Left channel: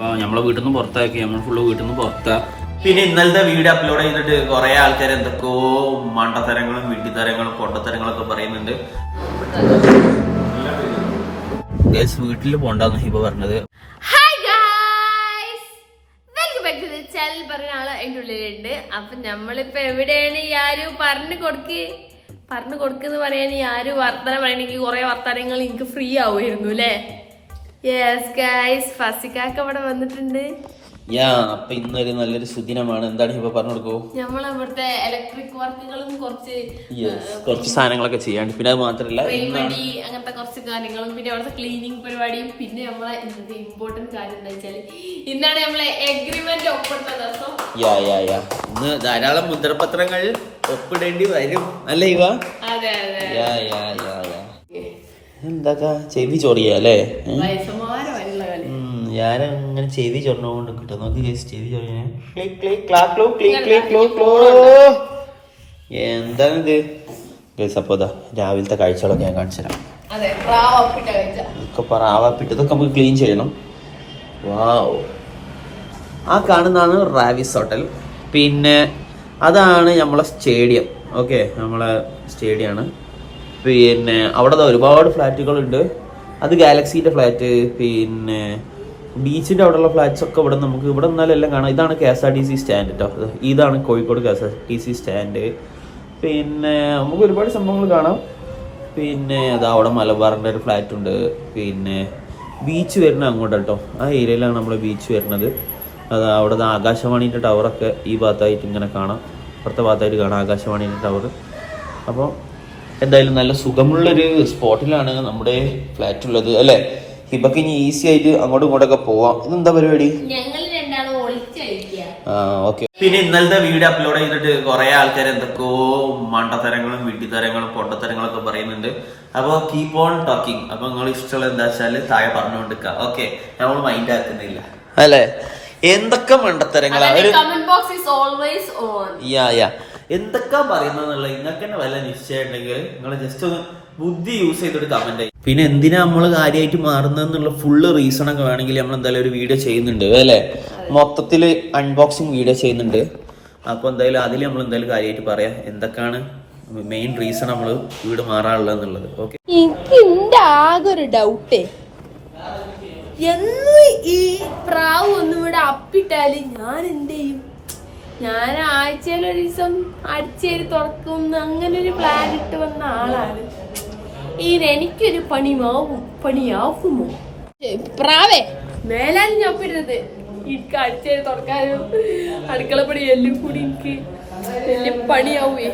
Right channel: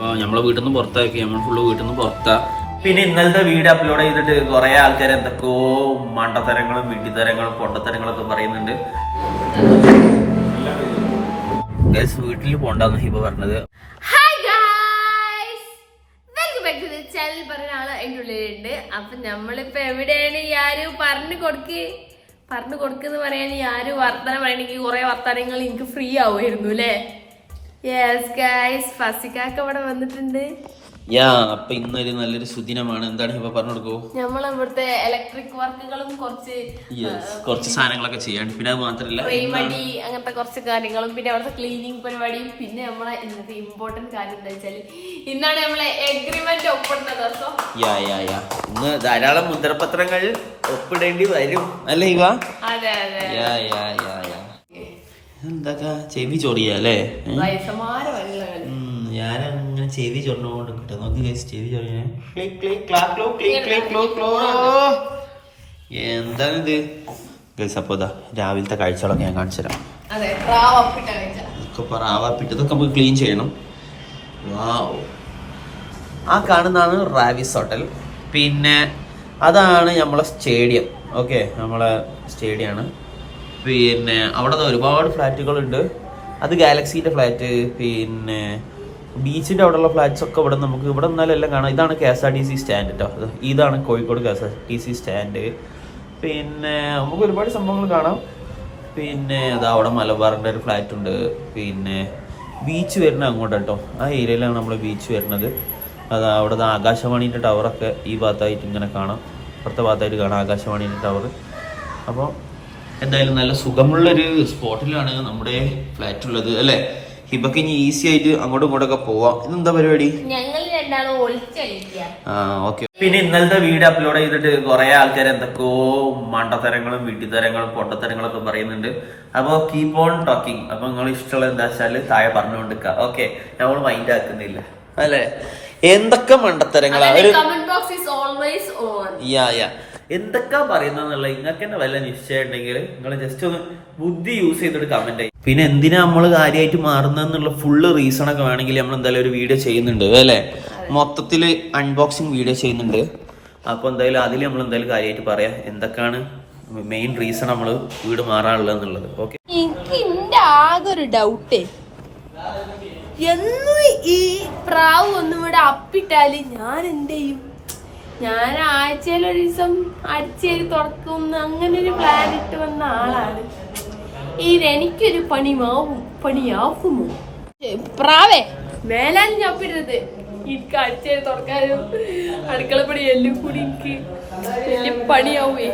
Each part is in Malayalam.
അപ്പോൾ നമ്മളെ വീട്ടിൽ നിന്ന് പുറത്താക്കി നമ്മൾ ഫുള്ള് വീട്ടിൽ നിന്ന് പുറത്താ. പിന്നെ ഇന്നലത്തെ വീഡിയോ അപ്ലോഡ് ചെയ്തിട്ട് കുറെ ആൾക്കാർ എന്തൊക്കെയോ മണ്ടത്തരങ്ങളും വിഡ്ഢിത്തരങ്ങളും പൊട്ടത്തരങ്ങളൊക്കെ പറയുന്നുണ്ട്. വീട്ടിൽ പോണ്ടെന്ന് ഹിബ പറഞ്ഞത്. Hi guys welcome back to the channel പറഞ്ഞ ആൾ അതിന്റെ ഉള്ളിലുണ്ട്. അപ്പൊ നമ്മളിപ്പോ എവിടെയാണ് ഈ ആര് പറഞ്ഞു കൊടുക്ക്? പറഞ്ഞു കൊടുക്കെന്ന് പറയാൻ ഈ ആര് വർത്തനം പറയണെങ്കിൽ കുറെ വർത്തനങ്ങൾ എനിക്ക് ഫ്രീ ആവുമായിരുന്നു അല്ലേ? യെസ് ഗായ്സ് ഫസിക്കാക്ക് വന്നിട്ടുണ്ട്. യാ അപ്പൊ ഇന്നൊരു നല്ലൊരു സുദിനമാണ്. എന്താണ് ഇപ്പൊ പറഞ്ഞു കൊടുക്കൂ? നമ്മൾ ഇവിടുത്തെ ഇലക്ട്രിക് വർക്കുകളും കുറച്ച് കുറച്ച് സാധനങ്ങളൊക്കെ ചെയ്യാണ്ട് പിന്നെ അത് മാത്രല്ല അങ്ങനത്തെ കുറച്ച് കാര്യങ്ങളും. പിന്നെ അവിടുത്തെ ക്ലീനിങ് പരിപാടിയും. പിന്നെ നമ്മളെ ഇന്നത്തെ ഇമ്പോർട്ടന്റ് കാര്യം എന്താ വെച്ചാൽ ഇന്നാണ് നമ്മളെ എഗ്രിമെന്റ് ഒപ്പിടുന്ന ദിവസം യാ യാ യാ. ഇന്ന് ധാരാളം മുദ്രപത്രങ്ങൾ ഒപ്പിടേണ്ടി വരും. അല്ലേ ഇവ അതെ അതെ. യാ യാ യാ. എന്തൊക്കെ ചെവി ചൊറിയ അല്ലേ? ഏ? വയസ്സമാര വരെയുള്ള കളി. ഉം, ഞാനങ്ങനെ ചെവി ചൊറിഞ്ഞോണ്ട് കിട്ടും. നോക്കി ചെവി ചൊറിയാ ക്ലിക്ക് ക്ലാക്ക് ക്ലോ ക്ലിക് ക്ലിക് ക്ലോ ക്ലോ ഗൈസ് അപ്പോൾ ഇതാ രാവിലത്തെ കാഴ്ചകളൊക്കെ ഞാൻ കാണിച്ചു തരാം. ഇതൊക്കെ നമുക്ക് ക്ലീൻ ചെയ്യണം. വാവ് ആ കാണുന്നതാണ് റാവിസ് ഹോട്ടൽ. പിന്നെ അതാണ് നമ്മളെ സ്റ്റേഡിയം ഓക്കെ നമ്മളെ സ്റ്റേഡിയമാണ് പിന്നെ അവിടെ ഒരുപാട് ഫ്ലാറ്റുകളുണ്ട്. അത് ഗാലക്സീന്റെ ഫ്ലാറ്റ് പിന്നെ ബീച്ചിന്റെ അവിടെയുള്ള ഫ്ലാറ്റ്സ് ഒക്കെ ഇവിടെ നമുക്ക് ഇവിടെ നിന്നാലും എല്ലാം കാണാം. ഇതാണ് K S R T C stand കേട്ടോ ഇതാണ് Kozhikode K S R T C stand പിന്നെ നമുക്ക് ഒരുപാട് സംഭവങ്ങൾ കാണാം. പിന്നെ അതാ അവിടെ മലബാറിന്റെ ഒരു ഫ്ലാറ്റ് ഉണ്ട്. പിന്നെ ബീച്ച് വരുന്ന അങ്ങോട്ട് കേട്ടോ ആ ഏരിയയിലാണ് നമ്മൾ ബീച്ച് വരുന്നത്. അത് അവിടെ ആകാശവാണീന്റെ ടവറൊക്കെ ഈ ഭാഗത്തായിട്ട് ഇങ്ങനെ കാണാം. അപ്പുറത്തെ ഭാഗത്തായിട്ട് കാണാം ആകാശവാണീന്റെ ടവർ അപ്പോൾ എന്തായാലും നല്ല സുഖമുള്ളൊരു സ്പോട്ടിലാണ് നമ്മുടെ ഫ്ലാറ്റ് ഉള്ളത് അല്ലേ? ഹിബക്ക് ഇനി ഈസി ആയിട്ട് അങ്ങോട്ടും ഇങ്ങോട്ടൊക്കെ പോവാം. ഇതെന്താ പരിപാടി? ആ ഓക്കെ പിന്നെ ഇന്നലത്തെ വീഡിയോ അപ്ലോഡ് ചെയ്തിട്ട് കുറെ ആൾക്കാർ എന്തൊക്കെയോ മണ്ടത്തരങ്ങളും വീട്ടിത്തരങ്ങളും പൊട്ടത്തരങ്ങളും ഒക്കെ പറയുന്നുണ്ട്. അപ്പോൾ കീപ് ഓൺ ടോക്കിംഗ് അപ്പൊ നിങ്ങൾ ഇഷ്ടമുള്ള എന്താ വെച്ചാൽ താഴെ പറഞ്ഞുകൊണ്ടിരിക്കുക. ഓക്കെ നമ്മൾ മൈൻഡ് ആക്കുന്നില്ല. അല്ലേ? എന്തൊക്കെ മണ്ടത്തരങ്ങളാണ് യാ യാ എന്തൊക്കെ പറയുന്നുള്ള നിങ്ങൾക്ക് തന്നെ വല്ല നിശ്ചയം ഉണ്ടെങ്കിൽ നിങ്ങൾ ജസ്റ്റ് ഒന്ന് ബുദ്ധി യൂസ് ചെയ്തിട്ട് കമന്റ് ചെയ്യും പിന്നെ എന്തിനാ നമ്മൾ കാര്യമായിട്ട് മാറുന്നതെന്നുള്ള ഫുള്ള് റീസൺ ഒക്കെ വേണമെങ്കിൽ നമ്മൾ എന്തായാലും ഒരു വീഡിയോ ചെയ്യുന്നുണ്ട് അല്ലേ? മൊത്തത്തിൽ അൺബോക്സിങ് വീഡിയോ ചെയ്യുന്നുണ്ട്. അപ്പോൾ എന്തായാലും അതിൽ നമ്മൾ എന്തായാലും കാര്യമായിട്ട് പറയാം എന്തൊക്കെയാണ് മെയിൻ റീസൺ നമ്മൾ വീട് മാറാനുള്ളത് എന്നുള്ളത് ഓക്കെ ഒരു എന്നും ഈ പ്രാവ് ഒന്നും ഇവിടെ അപ്പിട്ടാൽ ഞാൻ എന്ത് ഞാൻ ആഴ്ചയിൽ ഒരു ദിവസം അടിച്ചേരി തുറക്കും അങ്ങനെ ഒരു പ്ലാൻ ഇട്ട് വന്ന ആളാണ്. ഇത് എനിക്കൊരു പണിമാവും പണിയാവുമോ? പ്രാവേ. മേലാലും ഞാൻ പിടുന്നത് എനിക്ക് അടിച്ചേരി തുറക്കാനും അടുക്കള പണി എല്ലാം കൂടി എനിക്ക് വലിയ പണിയാവേ.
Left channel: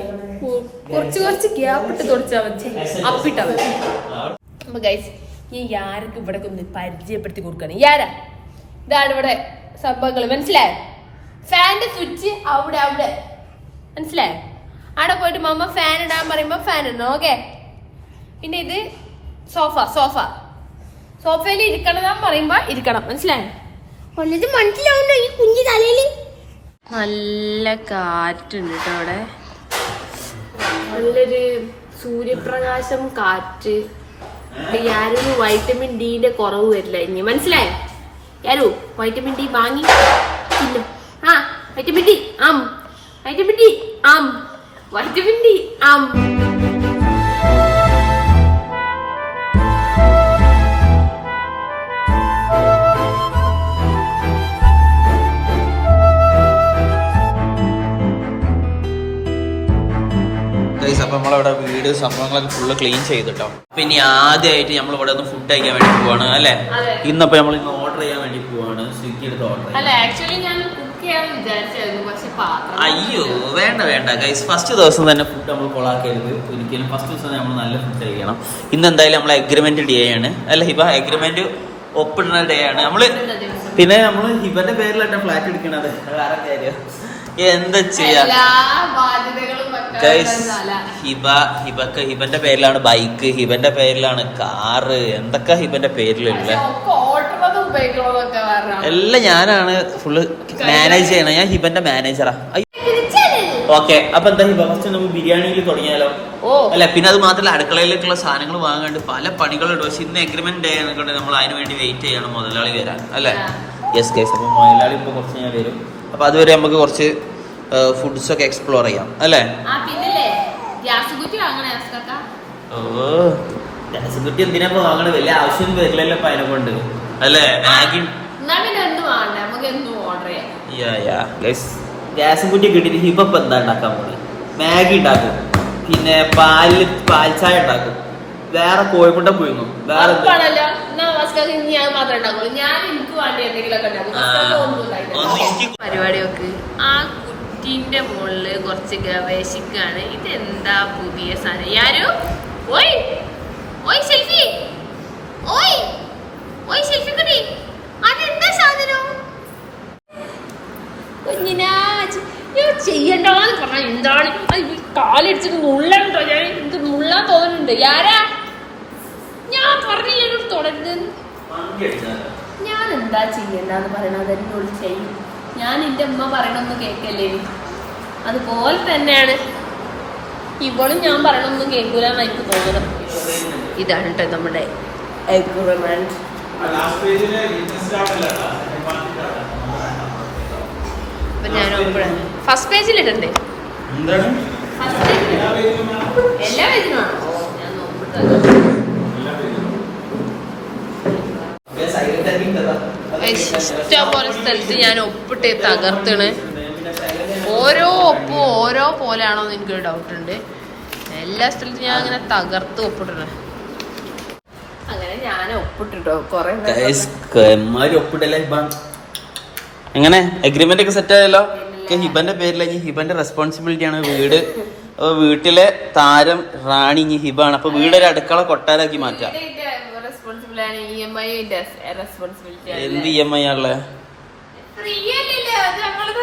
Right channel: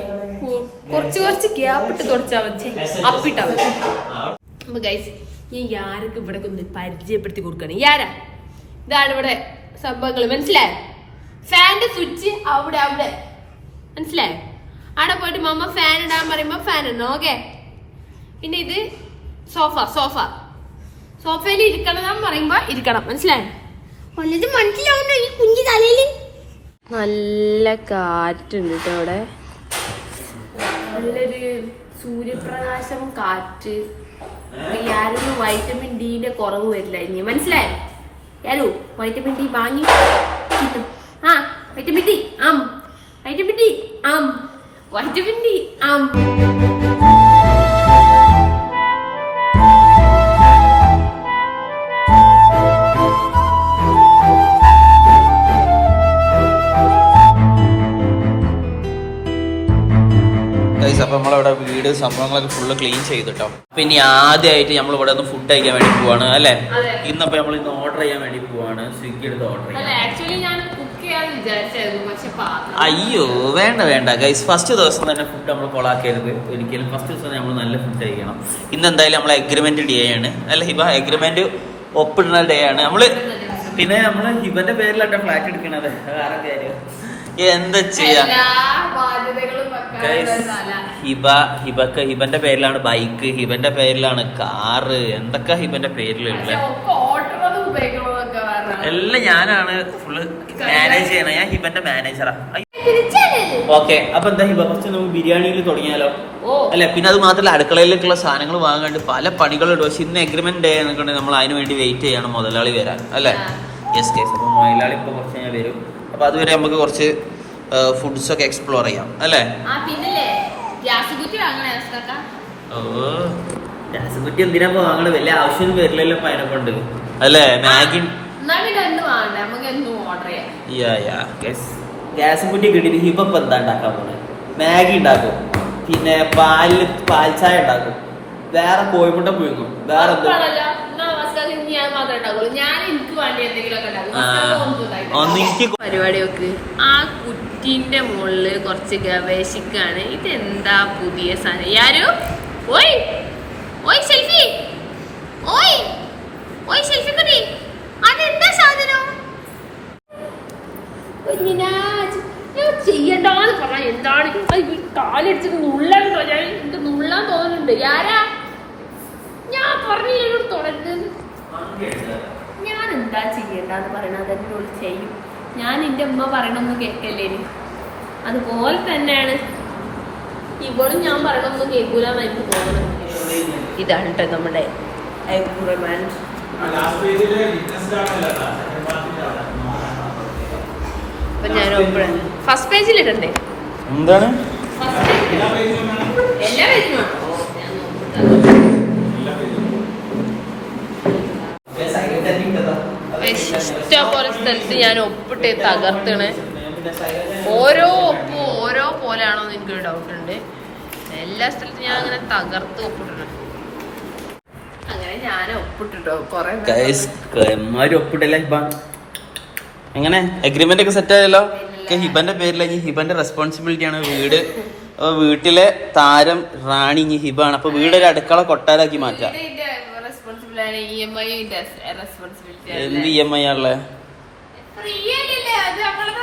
കുറച്ച് കുറച്ച് ഗ്യാപ്പിട്ട് തുറച്ചാ വെച്ചേ അപ്പിട്ടാ വെച്ചേ അപ്പൊ ഗൈസ് ഈ യാർക്ക് ഇവിടെ ഒന്ന് പരിചയപ്പെടുത്തി കൊടുക്കണം യാരാ ഇതാണ് ഇവിടെ സംഭവങ്ങൾ മനസ്സിലായോ? ഫാന്റെ സ്വിച്ച് അവിടെ അവിടെ. മനസ്സിലായോ? അവിടെ പോയിട്ട് മമ്മ ഫാൻ ഇടാൻ പറയുമ്പോൾ ഫാൻ ഇടണം ഓക്കെ പിന്നെ ഇത് സോഫ സോഫ സോഫയിൽ ഇരിക്കണം പറയുമ്പോ ഇരിക്കണം മനസ്സിലായോ? ഒന്നത് മനസ്സിലാവുണ്ടോ ഈ കുഞ്ഞു തലയിൽ നല്ല കാറ്റുണ്ട് കേട്ടോ അവിടെ. നല്ലൊരു സൂര്യപ്രകാശം കാറ്റ്. യാരും വൈറ്റമിൻ ഡിന്റെ കുറവ് വരില്ല ഇനി. മനസ്സിലായോ? യാരു വൈറ്റമിൻ ഡി വാങ്ങി. വൈറ്റമിൻ ഡി ആം വൈറ്റമിൻ ഡി ആം വൈറ്റമിൻ ഡി ആം അപ്പൊ നമ്മളിവിടെ വീട് സംഭവങ്ങളൊക്കെ ഫുള്ള് ക്ലീൻ ചെയ്തിട്ടോ. പിന്നെ ആദ്യമായിട്ട് നമ്മൾ ഇവിടെ ഒന്ന് ഫുഡ് കഴിക്കാൻ വേണ്ടി പോവാണ് അല്ലെ? ഇന്നിപ്പോ നമ്മൾ ഇന്ന് ഓർഡർ ചെയ്യാൻ വേണ്ടി പോവാണ്. സ്വിഗ്ഗി എടുത്ത് ഓർഡർ ചെയ്യാം. ആക്ച്വലി ഞാൻ അയ്യോ വേണ്ട വേണ്ട. ഗൈസ് ഫസ്റ്റ് ദിവസം തന്നെ ഫുഡ് നമ്മൾ കൊളാക്കരുത് ഒരിക്കലും ഫസ്റ്റ് ദിവസം നമ്മൾ നല്ല ഫുഡ് കഴിക്കണം. ഇന്ന് എന്തായാലും നമ്മൾ അഗ്രിമെന്റ് ഡേ ആണ്. അല്ല ഹിബ അഗ്രിമെന്റ് ഒപ്പിടുന്ന ഡേ ആണ്. നമ്മൾ പിന്നെ നമ്മൾ ഹിബന്റെ പേരിലല്ല ഫ്ലാറ്റ് എടുക്കണത്. വേറെ കാര്യം. എന്താ ചെയ്യാ? ഗൈസ് ഹിബ ഹിബക്ക് ഹിബന്റെ പേരിലാണ് ബൈക്ക് ഹിബന്റെ പേരിലാണ് കാറ് എന്തൊക്കെ ഹിബന്റെ പേരിലുള്ള? എല്ലാം ഞാനാണ് ഫുള്ള് മാനേജ് ചെയ്യണം. ഞാൻ ഹിബന്റെ മാനേജറാ ഓക്കെ അപ്പൊ എന്താ ഹിബ? ഫസ്റ്റ് നമുക്ക് ബിരിയാണിയിൽ തുടങ്ങിയാലോ? ഓ. അല്ല പിന്നെ അത് മാത്രമല്ല അടുക്കളയിലേക്കുള്ള സാധനങ്ങൾ വാങ്ങാണ്ട് പല പണികളുണ്ട്. പക്ഷെ ഇന്ന് എഗ്രിമെന്റ് ഡേ എന്നൊക്കെ നമ്മൾ അതിന് വേണ്ടി വെയിറ്റ് ചെയ്യണം മുതലാളി വരാൻ. അല്ലേ? ജസ്റ്റ് കേസ് അപ്പൊ മുതലാളി ഇപ്പൊ കുറച്ച് ഞാൻ വരും. അപ്പൊ അതുവരെ നമുക്ക് കുറച്ച് ഫുഡ്സ് ഒക്കെ എക്സ്പ്ലോർ ചെയ്യാം. അല്ലേ? ഓ ഗ്യാസ് കുറ്റി എന്തിനാ വാങ്ങണത്? വലിയ ആവശ്യമൊന്നും വരില്ലല്ലോ അപ്പൊ അതിനെ കൊണ്ട്. അല്ലേ? മാഗി ഗ്യാസും കുറ്റി കിട്ടിയിട്ട് ഇപ്പൊ എന്താ ഉണ്ടാക്കാൻ പോകുന്നത് മാഗി ഉണ്ടാക്കും. പിന്നെ പാലിൽ പാൽ ചായ ഉണ്ടാക്കും. വേറെ കോഴിമുട്ട പുഴുങ്ങും. വേറെ പരിപാടിയൊക്കെ ആ, കുറ്റിന്റെ മുകളിൽ കുറച്ച് ഗവേഷിക്കാണ്. ഇതെന്താ പുതിയ സാധനം? യാരു? ഓയ്! ഓയ് സെൽഫി ഓയ് ഓയ് സെൽഫി കുട്ടി അതെന്താ സാധനം കുഞ്ഞിനാജ് ഞാൻ ചെയ്യണ്ടെന്ന് പറഞ്ഞാൽ എന്താണ്? കാലടിച്ചിട്ട് നുള്ളണ്ടോ ഞാൻ എനിക്ക് നുള്ളാൻ തോന്നുന്നുണ്ട്? ആരാ? ഞാൻ പറഞ്ഞില്ല എന്നോട് തുടരുത്? ഞാൻ എന്താ ചെയ്യണ്ടെന്ന് പറയണത് ഒരു ചെയ്യും ഞാൻ എന്റെ അമ്മ പറയണൊന്നും കേൾക്കല്ലേ അതുപോലെ തന്നെയാണ്. ഇവളും ഞാൻ പറയണൊന്നും കേൾക്കൂലെന്ന് എനിക്ക് തോന്നണം ഇതാണ് കേട്ടോ നമ്മുടെ. അപ്പൊ ഞാൻ ഫസ്റ്റ് പേജിൽ ഇടണ്ടേ? എന്താണ്? എല്ലാ പേജിലും ഇഷ്ടംപോലെ സ്ഥലത്ത് ഞാൻ ഒപ്പിട്ട് തകർത്തണ്. ഓരോ ഒപ്പും ഓരോ പോലെയാണോ എന്ന് എനിക്കൊരു ഡൗട്ട് ഉണ്ട്. എല്ലാ സ്ഥലത്തും ഞാൻ അങ്ങനെ തകർത്ത് ഒപ്പിട്ടത് അങ്ങനെ ഞാൻ ഒപ്പിട്ടിട്ടോ. കൊറേ ഒപ്പിട്ടല്ലേ എങ്ങനെ? അഗ്രിമെന്റ് ഒക്കെ സെറ്റ് ആയല്ലോ? ഹിബന്റെ പേരിൽ പേരിലേക്ക് ഹിബന്റെ റെസ്പോൺസിബിലിറ്റി ആണ്. വീട് അപ്പൊ വീട്ടിലെ താരം റാണി ഇനി ഹിബാണ്. അപ്പൊ വീട് ഒരു അടുക്കള കൊട്ടാരാക്കി മാറ്റാം. റെസ്പോൺസിബിലിറ്റി എന്ത് ഇ എം ഐ ആണല്ലേ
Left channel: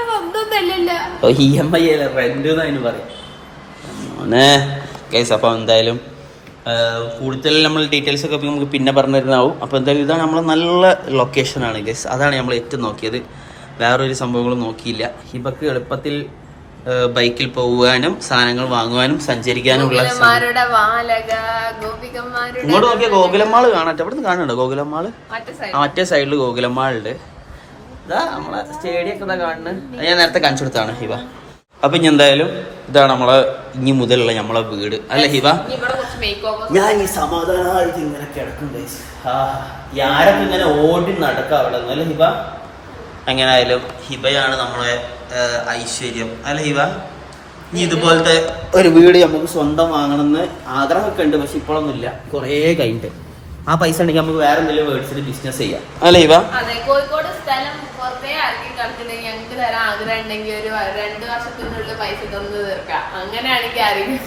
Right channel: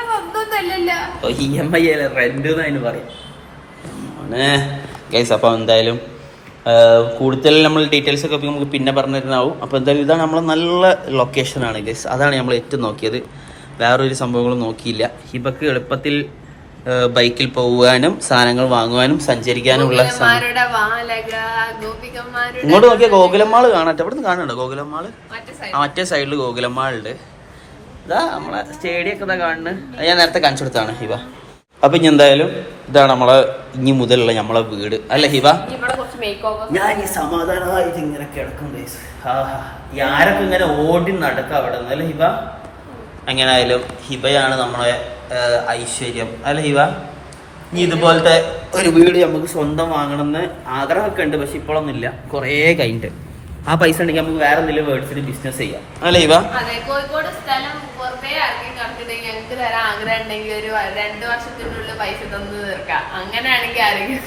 സ്വന്തം ഇ എം ഐ അല്ല റെന്റ് എന്ന് അതിന് പറയും. ഗൈസ് അപ്പൊ എന്തായാലും കൂടുതൽ നമ്മൾ ഡീറ്റെയിൽസ് ഒക്കെ നമുക്ക് പിന്നെ പറഞ്ഞു തരുന്നാവും അപ്പോൾ എന്തായാലും ഇതാണ് നമ്മൾ നല്ല ലൊക്കേഷനാണ് ഗൈസ് അതാണ് നമ്മൾ ഏറ്റവും നോക്കിയത്. വേറൊരു സംഭവങ്ങളും നോക്കിയില്ല. ഹിബക്ക് എളുപ്പത്തിൽ ബൈക്കിൽ പോകാനും സാധനങ്ങൾ വാങ്ങുവാനും സഞ്ചരിക്കാനുമുള്ള ഉള്ള ഇങ്ങോട്ട് നോക്കിയാൽ ഗോകുലമ്മാൾ കാണട്ടെ. അവിടെ നിന്ന് കാണുന്നുണ്ടോ ഗോകുലമ്മാൾ മറ്റേ ആ മറ്റേ സൈഡിൽ ഗോകുലമ്മാളുണ്ട് ഇതാ നമ്മളെ സ്റ്റേഡിയം ഒക്കെ ഇതാ കാണുന്നത് ഞാൻ നേരത്തെ കാണിച്ചു കൊടുത്താണ് ഹിബ. അപ്പൊ ഇനി എന്തായാലും ഇതാണ് നമ്മളെ ഇനി മുതലുള്ള നമ്മളെ വീട്. അല്ലെ ഹിബ? ഞാൻ ഈ സമാധാനമായിട്ട് ഇങ്ങനെ കിടക്കും ആരൊക്കെ ഇങ്ങനെ ഓടി നടക്കാം അവിടെ? നിന്ന് അല്ലേ ഹിബ? എങ്ങനെയായാലും ഹിബയാണ് നമ്മളെ ഐശ്വര്യം. അല്ല ഹിബ? നീ ഇതുപോലത്തെ ഒരു വീട് നമുക്ക് സ്വന്തം വാങ്ങണമെന്ന് ആഗ്രഹമൊക്കെ ഉണ്ട് പക്ഷെ ഇപ്പോഴൊന്നുമില്ല. കുറേ കഴിഞ്ഞിട്ട്. ആ പൈസ ഉണ്ടെങ്കിൽ നമുക്ക് വേറെ എന്തെങ്കിലും വേർഡ്സിൽ ബിസിനസ് ചെയ്യാം. അല്ലേ ഹിബ? അതെ കോഴിക്കോട് സ്ഥലം പുറത്തേ ഇറക്കി കിടക്കുന്നുണ്ടെങ്കിൽ ഞങ്ങൾക്ക് വരാൻ ആഗ്രഹം ഉണ്ടെങ്കിൽ ഒരു രണ്ടു വർഷത്തിനുള്ളിൽ പൈസ തന്നു തീർക്കാം. അങ്ങനെയാണെങ്കിൽ ആരെങ്കിലും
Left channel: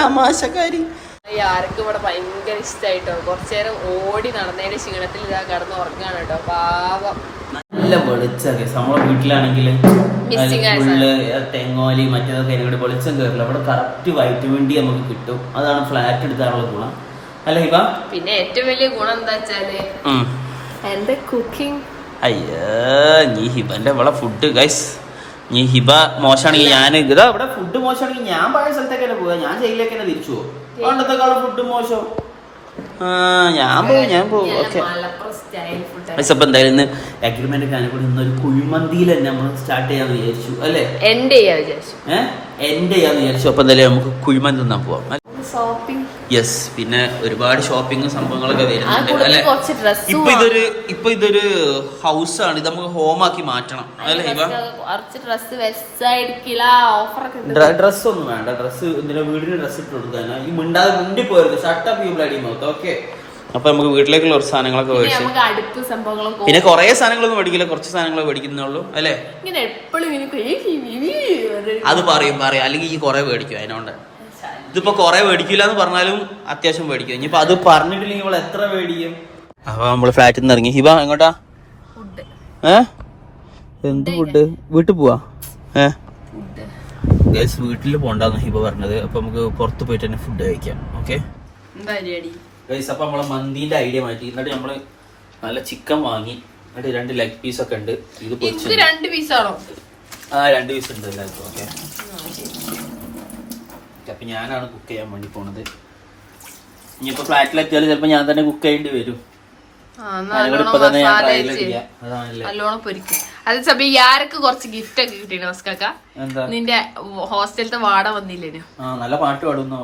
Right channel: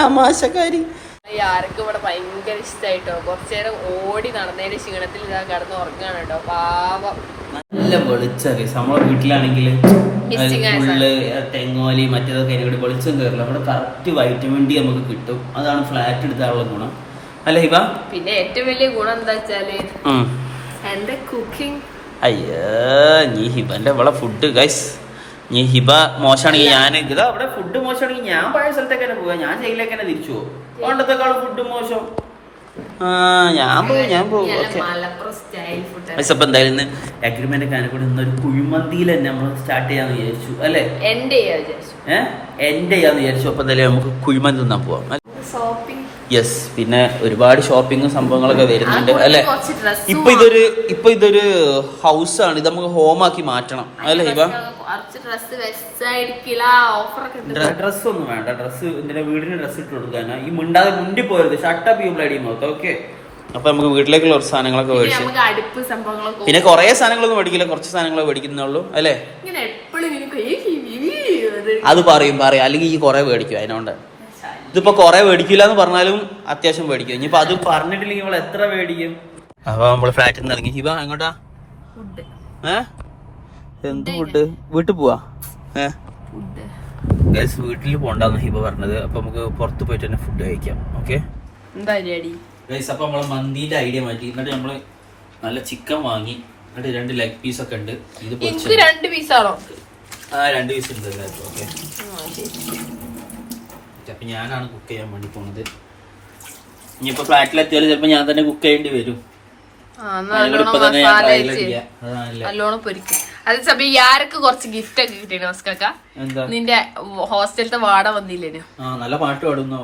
തമാശക്കാരി. ആർക്കും ഇവിടെ ഭയങ്കര ഇഷ്ടമായിട്ടോ കുറച്ചു നേരം ഓടി നടന്നതിന്റെ ക്ഷീണത്തിൽ ഇതാ കിടന്ന് ഉറങ്ങാണ് കേട്ടോ. പാവം. നല്ല വെളിച്ചൊക്കെ നമ്മളെ വീട്ടിലാണെങ്കിൽ ഫുള്ള് തെങ്ങോലി മറ്റേതൊക്കെ അതിനോട് വെളിച്ചം കയറില്ല അവിടെ കറക്റ്റ് വൈറ്റമിൻ ഡി നമുക്ക് കിട്ടും. അതാണ് ഫ്ലാറ്റ് എടുത്താനുള്ള ഗുണം. അല്ല ഹിബ? പിന്നെ ഏറ്റവും വലിയ ഗുണം എന്താ വെച്ചാൽ എന്റെ കുക്കിംഗ് അയ്യോ നീ ഹിബന്റെ ഇവിടെ ഫുഡ് ഗൈസ് നീ ഹിബ മോശമാണെങ്കിൽ ഞാൻ ഇതാ ഇവിടെ ഫുഡ് മോശമാണെങ്കിൽ ഞാൻ പഴയ സ്ഥലത്തേക്ക് തന്നെ പോവാ. ഞാൻ ജയിലിലേക്ക് തന്നെ തിരിച്ചു പോകും ഫുഡ് മോശം. ആ ഞാൻ പോകും ഞാൻ പോകും ഓക്കെ. മലപ്പുറം സ്റ്റൈൽ ഫുഡ് പക്ഷെ അപ്പൊ എന്തായാലും ഇന്ന് അഗ്രിമെന്റ് ഒക്കെ കൂടി ഇന്നൊരു കുഴിമന്തിയിൽ തന്നെ നമ്മൾ സ്റ്റാർട്ട് ചെയ്യാന്ന് വിചാരിച്ചു അല്ലേ? എന്റെ ചെയ്യാ വിചാരിച്ചു. ഏഹ് എന്റെ ചെയ്യാന്ന് വിചാരിച്ചു. അപ്പൊ എന്തായാലും നമുക്ക് കുഴിമന്തി തിന്നാൻ പോവാം. ഷോപ്പിംഗ് യെസ് പിന്നെ ഒരുപാട് ഷോപ്പിങ്ങും സംഭവങ്ങളൊക്കെ വരുന്നുണ്ട് അല്ലെ? ഇപ്പൊ ഇതൊരു ഇപ്പൊ ഇതൊരു ഹൗസ് ആണ് ഇത് നമുക്ക് ഹോം ആക്കി മാറ്റണം അല്ലേ ഇവ? ഡ്രസ് ഒന്നും വേണ്ട ഡ്രസ് എന്തിനാ വീടിന് ഡ്രസ് ഇട്ട് കൊടുക്കാനാ ഈ മിണ്ടാതെ മുണ്ടി പോയത് ഷട്ടപ്പ് യു ബ്ലഡി നോക്കാം ഓക്കെ അപ്പൊ നമുക്ക് വീട്ടിലേക്കുള്ള കുറച്ച് സാധനങ്ങളൊക്കെ മേടിച്ചു. പിന്നെ കുറെ സാധനങ്ങളൊന്നും മേടിക്കില്ല കുറച്ച് സാധനങ്ങളെ മേടിക്കുന്നുള്ളൂ അല്ലേ? അത് പറയും പറയും അല്ലെങ്കിൽ ഈ കുറെ മേടിക്കും അതിനോണ്ട്. ഇതിപ്പോ കുറെ മേടിക്കില്ല എന്ന് പറഞ്ഞാലും അത്യാവശ്യം മേടിക്കും ഇനിയിപ്പോ അത് പറഞ്ഞിട്ടില്ലെങ്കിൽ ഇവൾ എത്ര മേടിക്കും അപ്പൊ നമ്മൾ ഫ്ലാറ്റിൽ നിന്ന് ഇറങ്ങി. ഹിബ എങ്ങോട്ടാ? ഏഹ് ഏ? എന്ത് ഫുഡ്? വീട്ടിൽ പോവാ? ഏ? ഗൈസ് വീട്ടിൽ പോണ്ടെന്ന് ഹിബ പറഞ്ഞത്. അപ്പൊ നമുക്ക് പുറത്ത് പോയിട്ട് തന്നെ ഫുഡ് കഴിക്കാം. ഓക്കെ? ഗൈസ് അപ്പൊ നമ്മളെ മന്തിന്റെ ഐഡിയ മാറ്റി. എന്നിട്ട് നമ്മൾ നല്ല ചിക്കൻ വാങ്ങി. എന്നിട്ട് രണ്ട് ലെഗ് പീസ് ഒക്കെ ഉണ്ട്. ഇത് രണ്ട് പീസ് രണ്ട് പീസാണോ ആ രണ്ട് പീസ് ഉണ്ട് ഓക്കെ? അപ്പൊ ഞാനാണ് കുക്ക് ചെയ്യാൻ വേണ്ടി പോണത്. ഇനിയിപ്പോ ഫ്ലാറ്റിലെത്തിയാലും ചിലപ്പോ ഞാൻ തന്നെ കുക്ക് ചെയ്യേണ്ടി വരും. യാരക്ക് കുറച്ച് ഗിഫ്റ്റ് ഒക്കെ കിട്ടിയിരുന്നു ഓസ്കാക്ക നിന്റെ ഹോസ്റ്റലത്തെ വാട വന്നില്ലേനു? നല്ല പാട്ട് പാടുന്നു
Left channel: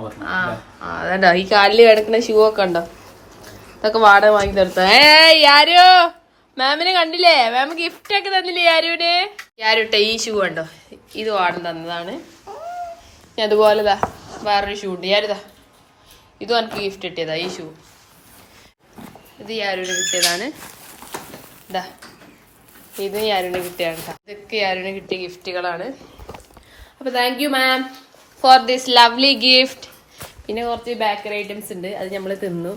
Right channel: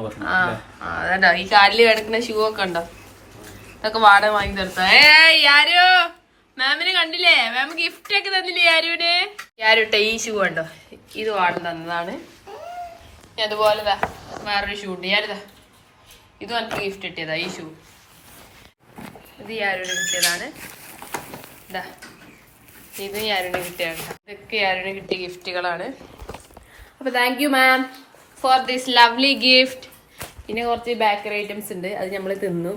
അതോ ഈ കാലിൽ കിടക്കുന്ന ഷൂ ഒക്കെ ഉണ്ടോ ഇതൊക്കെ വാട വാങ്ങി തരത്തോ ഏ യാരോ? മാമിനെ കണ്ടില്ലേ? മാം ഗിഫ്റ്റ് ഒക്കെ തന്നില്ലേ യാരുവിന്? യാരുട്ട ഈ ഷൂ കണ്ടോ? ഇത് വാടം തന്നതാണ്. അതുപോലെതാ വേറൊരു ഷൂ ഉണ്ട്. ഞാനിതാ ഇതും. എനിക്ക് ഗിഫ്റ്റ് കിട്ടിയതാ ഈ ഷൂ ഇത് ഞാനൊരു കിട്ടിയതാണ്. ഇതാ. ഇത് ഞാനിന് കിട്ടിയതാണ് ട്ടാ. ഇതൊക്കെ ഞാനിന് കിട്ടിയ ഗിഫ്റ്റുകളാണ് അപ്പൊ thank you ma'am for this lovely gift പിന്നെ കുറച്ച് ബേക്കറി ഐറ്റംസ് ഉണ്ട്. അത് നമ്മൾ തിന്നു.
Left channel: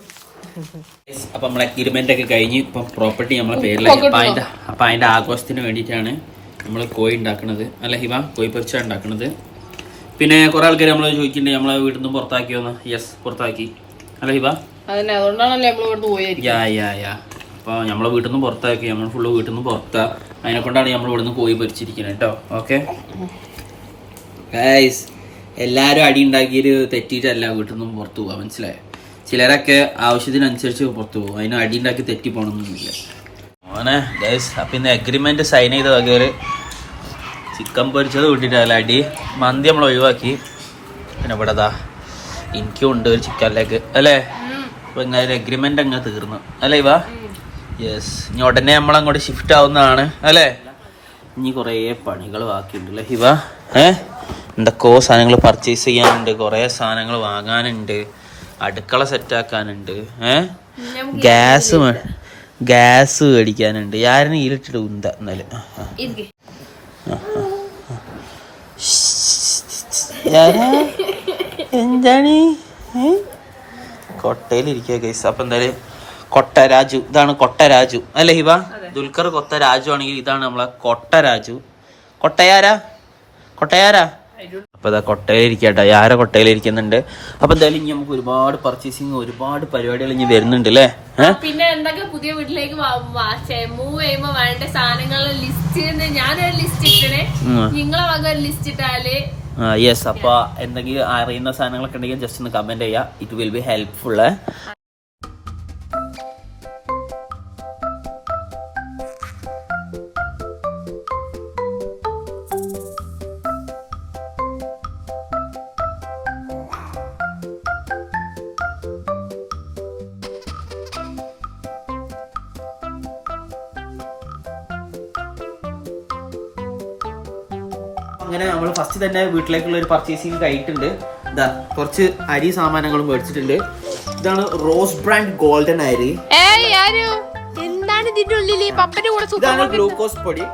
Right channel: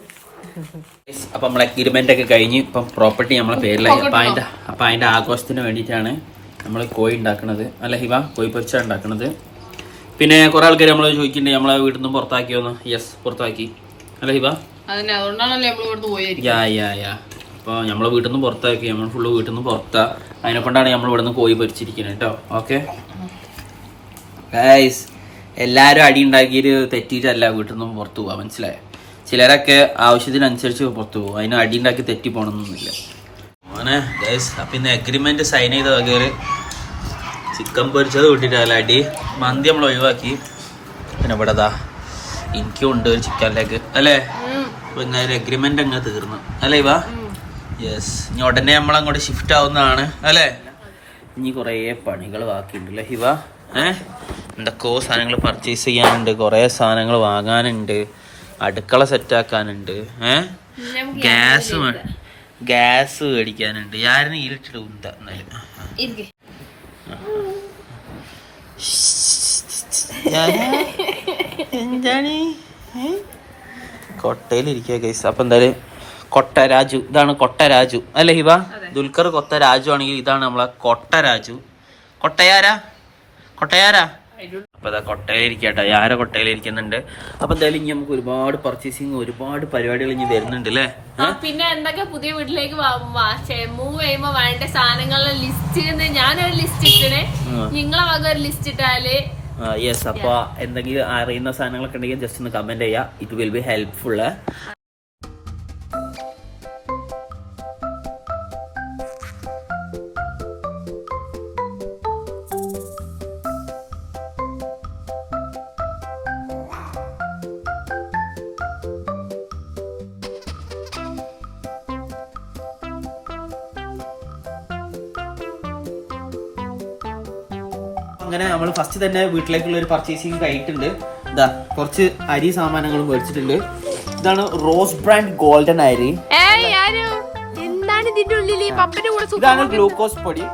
അപ്പൊ നമ്മളെ അഗ്രിമെന്റ് ഒക്കെ കഴിഞ്ഞ് ഇപ്പം പ്രോപ്പർട്ടി നമ്മളെ പേരിലായി. അപ്പൊ അതിന്റെ അപ്പൊ അതിന്റെ ആഘോഷത്തിന് വേണ്ടിയിട്ടാണ് നമ്മൾ കോഴി ഉണ്ടാക്കുന്നത് അല്ല ഹിവ കോഴി പൊരിച്ച ഉണ്ടാക്കുന്നത് പിന്നെ കുറെ ആൾക്കാർ നമ്മൾ ചോദിക്കുന്നുണ്ട് നമ്മളെ വീട്ടിൽ നിന്ന് പുറത്താക്കിയോന്ന് യെസ് പുറത്താക്കി. അല്ല ഹിബ? ഇവിടുന്ന് യാ യാ യാ. അപ്പോൾ നമ്മളെ വീട്ടിൽ നിന്ന് പുറത്താക്കി നമ്മൾ ഫുള്ള് വീട്ടിൽ നിന്ന് പുറത്താ. അതിനെ കൊണ്ടാണ് നമ്മൾ ഇവിടെ നിന്ന് കോഴി പൊരിച്ചിരിക്കുന്നത് കേട്ടോ ഓക്കെ? എല്ലാരും എല്ലാവരും അടി ഉണ്ടാക്കിയിട്ട് തെറ്റിയിട്ടല്ല വീട്ടിൽ നിന്നും പുറത്തു പോവാ. മനസ്സിലായോ? ചിലരൊക്കെ ആവശ്യത്തിനനുസരിച്ച് പുറത്തു പോകും അതിന് അടി ഉണ്ടാക്കി തെറ്റി പോകണമെന്നൊന്നുമില്ല അങ്ങനെ ഗൈസ് അപ്പം ഇന്ന് അഗ്രിമെന്റ് സൈൻ ചെയ്ത വകയൊരു ചിക്കൻ പൊരിച്ചത് കൂട്ടിയിട്ടല്ല അടി. മന്തി നമ്മൾ ഒഴിവാക്കി. പിന്നെ ഇവിടെ ദാ എനിക്കും ഉണ്ട് ഒരു ചിക്കൻ ലെഗ് അല്ലേ? അപ്പൊ ഇങ്ങനെ ഒരു അഗ്രിമെന്റ് അങ്ങ് തീർന്നു. അല്ലേ ഇവ? യെസ് ഇനി ഉടനെ നമ്മൾ അങ്ങോട്ട് ഷിഫ്റ്റ് ആവുന്നതാണ്. അല്ലേ? ഇനി കുറേ പണികൾ ബാക്കിയുണ്ട് അല്ലേ ഇവ? ഏ? എന്തൊക്കെയോ സാധനങ്ങൾ പർച്ചേസ് ചെയ്യാനുണ്ട്. കുറേ സാധനങ്ങൾ വാങ്ങാനുണ്ട്. അടുക്കള സെറ്റ് ആക്കാനുണ്ട്. ഏ? Gas gas മേടിക്കാനുണ്ട്. യാരും ഇരുട്ടിട്ട് ഉന്ത എന്നാലും എന്താണ്? കൊട്ടയിലിരിക്കുക കേസ് അപ്പൊ എന്തായാലും കൊട്ടരാജു ഇതാണ് കൊട്ടരാജു. അല്ലേ ഹിബ? ദുൽഖർ കൊട്ടരാജു ആണെങ്കിൽ ഇതാണ് നമ്മളെ കൊട്ടരാജു. കൊട്ടയാരാ? കൊട്ടയാരാ? അപ്പൊ ഇതാ കൊട്ടയിലിരിക്കട്ടെ. ആരെ കൊട്ടയിലിരിക്കുന്നുണ്ട്. അപ്പൊ എന്തായാലും ഇനി നമുക്ക് ഒരുപാട് പർച്ചേസിങ് ഒരുപാട് പരിപാടികൾ ഇനി വരുന്നുണ്ട് അല്ലേ? പിന്നെ എന്തൊക്കെ പുതിയ വീട്ടിലേക്ക് മൂവ് ചെയ്യുമ്പോ വേണ്ട സാധനങ്ങളുടെ ലിസ്റ്റ് ഞാനൊരു ലിസ്റ്റ് ഇട്ടണേ. നിങ്ങളെ വക ഒരു ലിസ്റ്റ് ഇട്ടാൽ. യെസ് അപ്പൊ എന്തെങ്കിലും അറിയുന്ന സാധനങ്ങളൊക്കെ ഉണ്ടെങ്കിൽ ജസ്റ്റ് ഒന്ന് കമന്റ് ചെയ്യാം. ഇറ്റ് വിൽ ബി ഹെൽപ്ഫുൾ അങ്ങനെ നമ്മൾ ഫസ്റ്റ് തന്നെ വീട്ടിലേക്കുള്ള ഒരു പർച്ചേസിങ് കഴിഞ്ഞിട്ടുണ്ട്. ഇതാ കുറച്ച് അരി സാമാനങ്ങളും മേടിച്ചിട്ടുണ്ട്. ഇതാണ് റോസ് ബ്രാൻഡ് ഗോൾഡൻ അരി. എന്താണ് ഇതിന്റെ ഉള്ളിൽ ഗ്ലൂക്കോസ് പൊടി.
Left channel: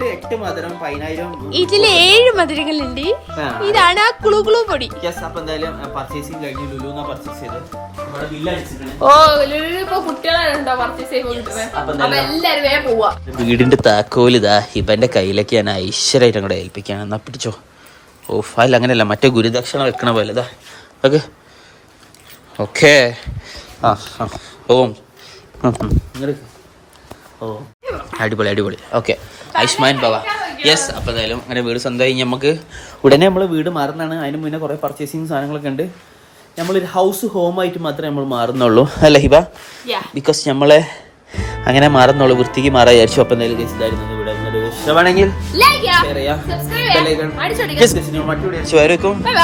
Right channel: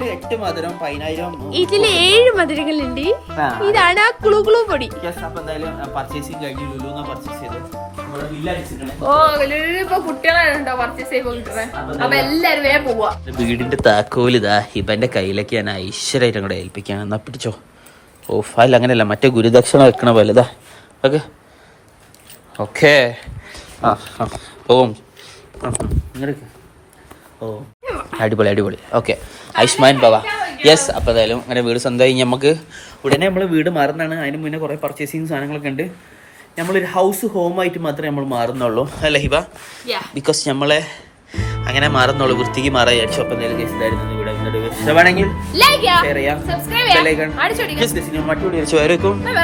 ഇതിൽ എട്ട് മധുരം പതിനായിരം ഇതിൽ ഏഴ് മധുരങ്ങളുണ്ട്. ഇതാണ് ആ കുളു കുളു പൊടി. യെസ് അപ്പൊ എന്തായാലും പർച്ചേസിങ് കഴിഞ്ഞ് ലുലുന്ന പർച്ചേസ് ചെയ്ത്. നമ്മുടെ ബില്ല് അടിച്ചിട്ടുണ്ട് ഓ ഇപ്പൊ കുട്ടികളാണോ പർച്ചേസ് ചെയ്യുമ്പോ കിട്ടുന്നത് അപ്പൊ എല്ലാരും വേഗം പോവാ. വീടിന്റെ താക്കോൽ ഇതാ ഹിബന്റെ കയ്യിലേക്ക് ഞാൻ ഐശ്വര്യമായിട്ട് കൂടെ ഏൽപ്പിക്കാൻ എന്നാ പിടിച്ചോ. ഓ അല്ല അങ്ങനെയല്ല മറ്റേ ഗുരുദക്ഷിണ വെക്കണ പോലെ ഇതാ. ഓക്കെ. ഓക്കെ. ആ ഓം ഓ. അടിപൊളി അടിപൊളി. ഓക്കെ. ആയുഷ്മാൻ ബാബ യെസ് അപ്പോൾ എന്തായാലും അങ്ങനെ വീട് സ്വന്തമായി. നമുക്ക് ഉടനെ നമ്മൾ വീട് മാറുന്നതാണ്. അതിന് മുന്നേ കുറേ പർച്ചേസിങ് സാധനങ്ങളൊക്കെ ഉണ്ട്. നമ്മളൊരു ഹൗസ് ഹോം ആയിട്ട് മാത്രമേ നമ്മൾ മാറുന്നുള്ളൂ. അല്ല ഹിബ. ബിക്കോസ് നമ്മളെ അങ്ങനെ മാറുന്നുള്ളൂ. വൃത്തിക്ക് മാറാൻ വിചാരിച്ചു. അപ്പം എന്തായാലും guys, ഇതായിരുന്നു ഇവിടെ ഇഷ്ടമാണെങ്കിൽ ഷെയർ ചെയ്യാം. മറ്റു വരേക്കും ബൈ